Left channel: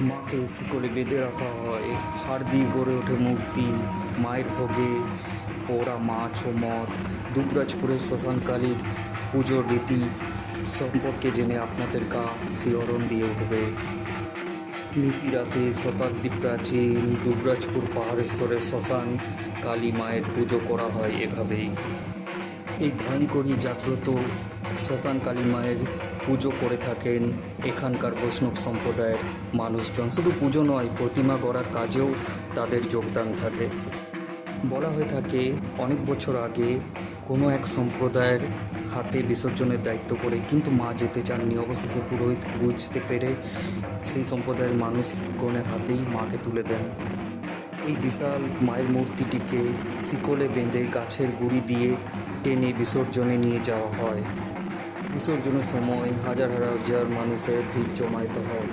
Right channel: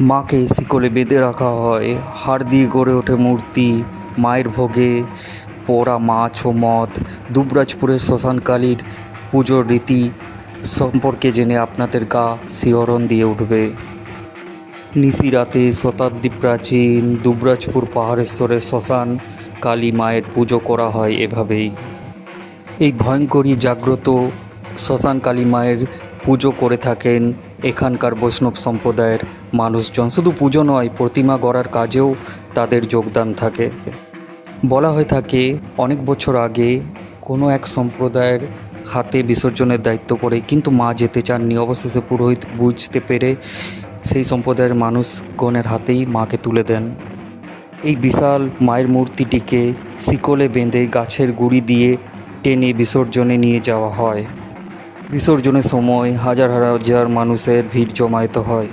মাকে শিকলে বেঁধে রাখা হয়। হাড় দিয়ে গড়ে ওঠে মূর্তি। মায়ের ভোগে পোড়া মাছ ও মদ। দুবরাজপুরের শ্মশানকালীর পুজোর রীতি সম্পর্কে জেনে আপনাদের গা শিহরণ দিয়ে উঠবে। নিশি রাতে শতাব্দী প্রাচীন দুবরাজপুর পাহাড়েশ্বরের শ্মশান কালী মায়ের পুজো করা হয় এভাবেই। এই ভয়ঙ্করী জাগ্রত শ্মশান কালী মায়ের পুজো করে থাকেন এখানকার বৈষ্ণব সম্প্রদায়ের মানুষজন। শুধু পুজো নয়, প্রতিমা গড়ার কাজেও তাদের যোগদান থাকে। বলা হয়ে থাকে, অনেক বছর আগে কোনো এক সম্প্রদায়ের হাতে বিসর্জনের দায়িত্ব করে কিন্তু মা যেতে চাননি। অবশেষে পুরোহিত বুঝতে পেরে সেই সম্প্রদায়ের মানুষগণের হাতেই মাকে তুলে দেন। এই বিশাল মায়ের মূর্তিটিকে শিকলে বেঁধে গাছের গুড়ি দিয়ে টেনে বিসর্জনে নিয়ে যাওয়া হয়। বিসর্জনের সময় হাজার হাজার মানুষের ভিড় জমায়েত হয়।